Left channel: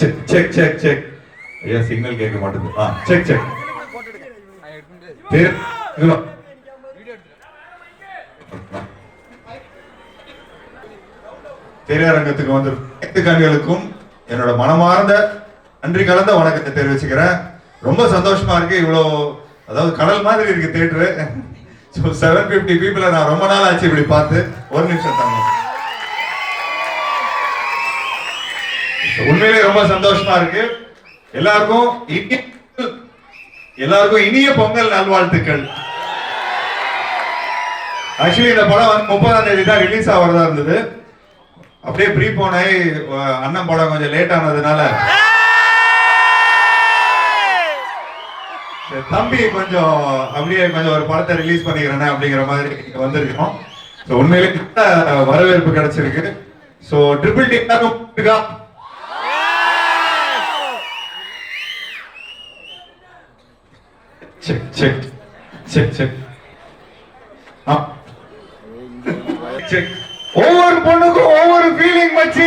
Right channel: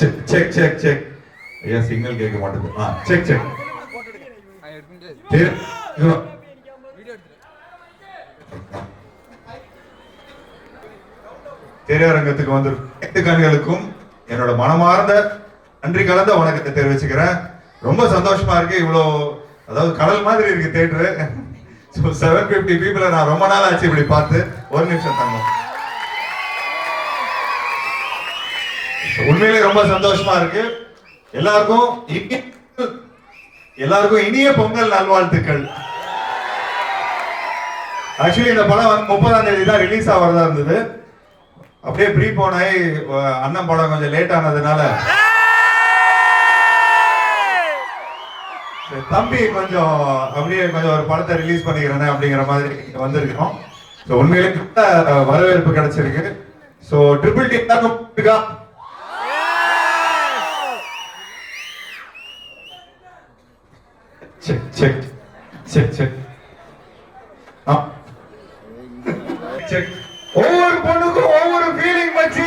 Check ஐயா signal கேட்க மாட்டேங்குது. செக் திரையரங்கத்துக்கு வந்து கண்களுக்கும் என்னோட மனமார்ந்த நன்றி கலந்த வணக்கத்தை தெரிவிச்சுக்கிறேன். ரொம்ப சந்தோஷமா இருக்கு. இவ்வளோ அதாவது கடல் மாதிரி இருக்கு தியேட்டரு. 750 பீப்புளை நான் ரொம்ப நாள் ஆச்சு இப்படி பார்த்து. ஒரு நிமிஷம் தாங்க. உண்மையிலே ரொம்ப சந்தோஷமா இருக்கு. எல்லாருக்கும் இனிய பொங்கல் நல்வாழ்த்துக்கள். ஆக்சுவலி இந்த படம் வந்து 30ஆம் தேதி தான் ரிலீஸ் ஆகிறதா இருந்தது. அப்படியே ப்ரீ போனாய் அண்ணன் படம் கொஞ்சம் லேட் ஆனதுனால தம்பி கொஞ்சம் அப்படியே கொஞ்சம் ஒரு படத்தை ரிலீஸ் பண்ணிக்கிறேன் அப்படிங்கிற மாதிரி வந்திருக்கோம். உண்மையிலே வரவேற்பு கிடைச்சிருக்கு. ஸோ ட்ரிபிள் டி ஒவ்வொரு பொண்ணுக்கும் ஒவ்வொரு ஃபீலிங் வச்சு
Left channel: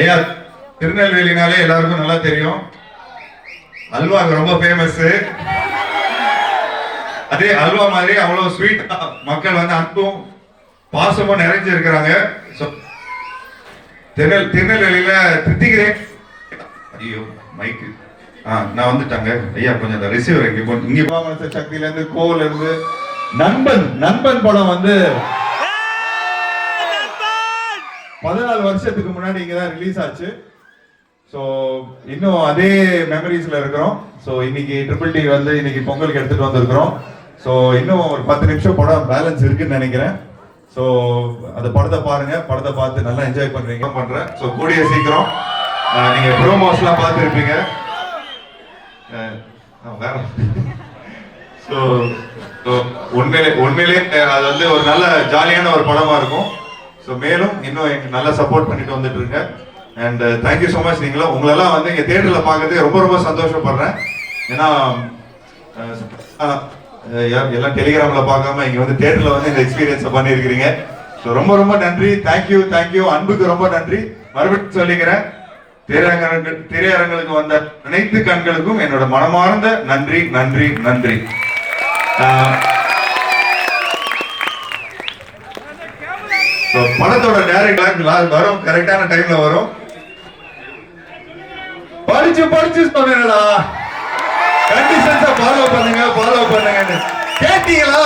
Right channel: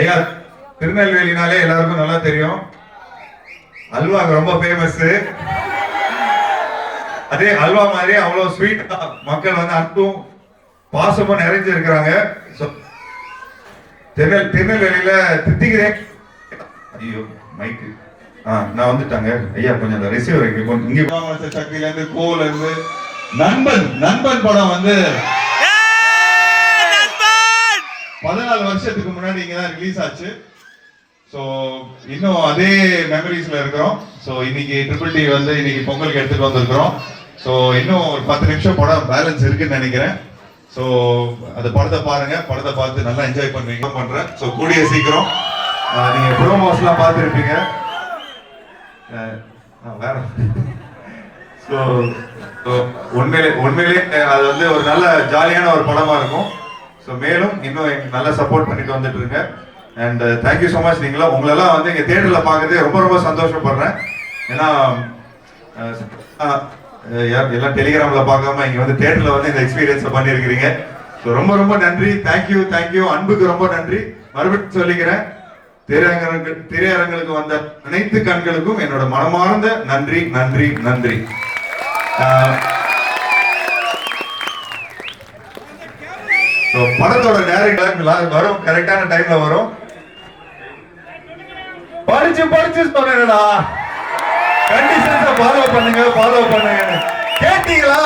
ஐயா திருநெல்வேலினாலே எல்லாருக்கும் நல்லா தெரியும். அல்வா ரொம்ப ஃபேமஸ். அதே அல்வா மாதிரி அவ்வளவு ஸ்வீட் மக்கள் வந்து அன்பும் பாசமும் நிறைஞ்சு இருக்கிறாங்க. திருநெல்வேலியில தித்திக்கிறேன். ஐயோ மைக்கு நான் வந்துட்டாங்க ஐயா கொஞ்சம் அந்த ரிசீவர் இங்க சக்தியில இருந்து கோவில இருந்து நண்பன் படம் வந்து 14 வருஷத்துக்கு முன்னாடி இங்கதான் ரிலீஸ் ஆச்சு. ஸோ இன்னும் அதே மெமரிஸ்ல இருக்கிறோம். ஸோ இன்னைக்கு ட்ரிபிள் டி வந்து இன்னைக்கு பொங்கலுக்கு எடுத்துட்டு வந்திருக்கிறோம். ஸோ இன்னும் ஒரு 10 நிமிஷம் படம் பேலன்ஸ் இருக்குன்னு நினைக்கிறேன். ஸோ அந்த படத்தை பாருங்க. படத்தை பார்த்து நல்லா என்ஜாய் பண்ணுவீங்க பண்றேன். ஸோ கூடிய சீக்கிரம் நீங்க ப்ரோமோஸ்லாம் பார்த்துருப்பீங்க. வேற உண்மையிலே அது வந்து ஒரு நல்ல ஜாலியான ஒரு படமா இருக்கும். ஸோ மேலும் இன்னும் நல்லா சப்போர்ட் பண்ணிட்டு வந்துட்டு இருங்க. And thank you so much. உங்களெல்லாம் வந்து இங்கே தியேட்டர்ல பார்க்கறது ரொம்ப சந்தோஷப்படுறேன். ஏன்னா எல்லாம் டெலிகிராம்ல பார்க்காம இங்க வந்து தியேட்டர்ல வந்து இந்த எக்ஸ்பீரியன்ஸை பண்ணியிருக்கிறீங்க. ஸோ ரொம்ப நன்றி. தேங்க்யூ. அன்புக்கு ரொம்ப நன்றி. மறுபடியும் சொல்லிக்கிறேன். திரையரங்களுக்கு வந்த அனைத்து கண்களுக்கும் என்னோட மனமார்ந்த நன்றி. படத்தோட டைரக்டர் வரும், கரெக்டான டைம்ல வரும். படிச்சு சொன்னேடா, கண்டிஷன்ஸை ஃபாலோ பண்ணுங்க கேட்டீங்களா?